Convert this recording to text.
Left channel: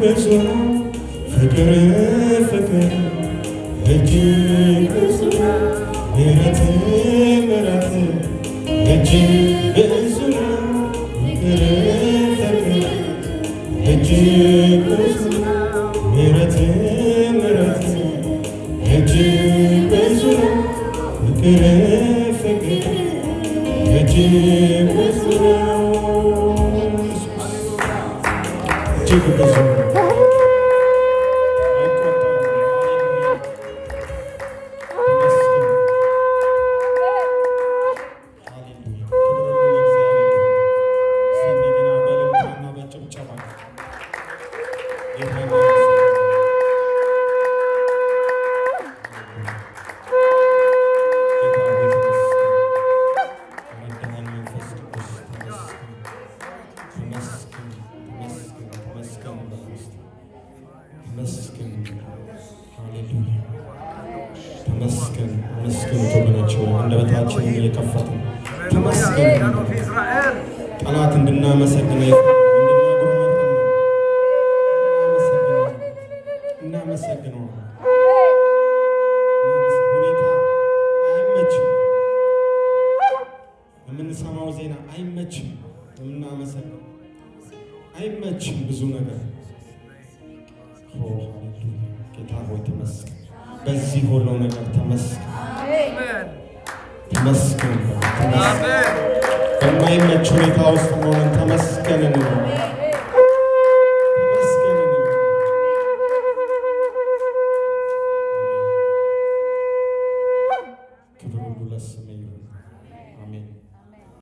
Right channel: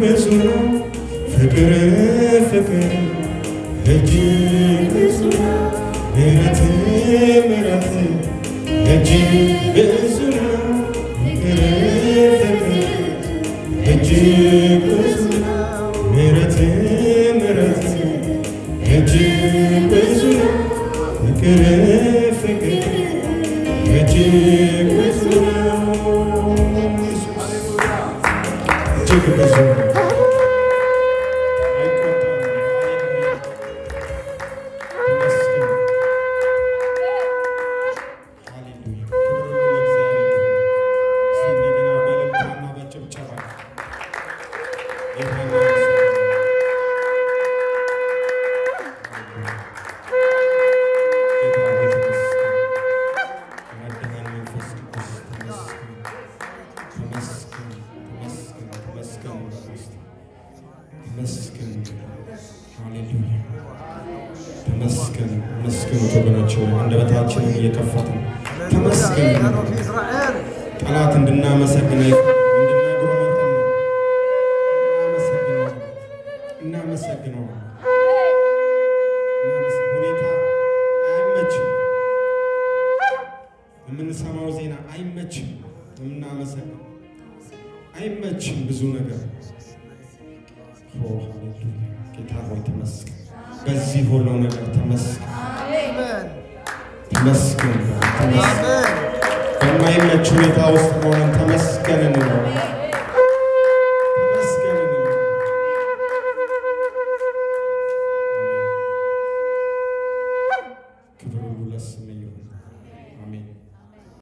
ብዙ ፍቅር ፍቅር እጅግ ብዙ ምሕረት ምሕረት እጅግ ብዙ ፍቅር ፍቅር እጅግ ብዙ ምሕረት ምሕረት እጅግ ብዙ ፍቅር ፍቅር እጅግ ብዙ እጅግ ብዙ ተመስገን መስገን ወገኖች አንደበታችንን እየከፈትን ተመስገን ጠላት እንድናመሰግነው እንድናጎረመርም ነው። እናመሰግነው። ሁኔታ አይመችም፣ የምንሰማው ዜና አይመችም፣ የምናመሰግነው አይመችም። ብዙ ነገር ጌታ ሆይ ተመስገን። በዚህ ሁሉ ነገር ተመስገን ተመስገን ተመስገን። በማይመች ሁኔታ ውስጥ ሆነን ተመስገን እንበል።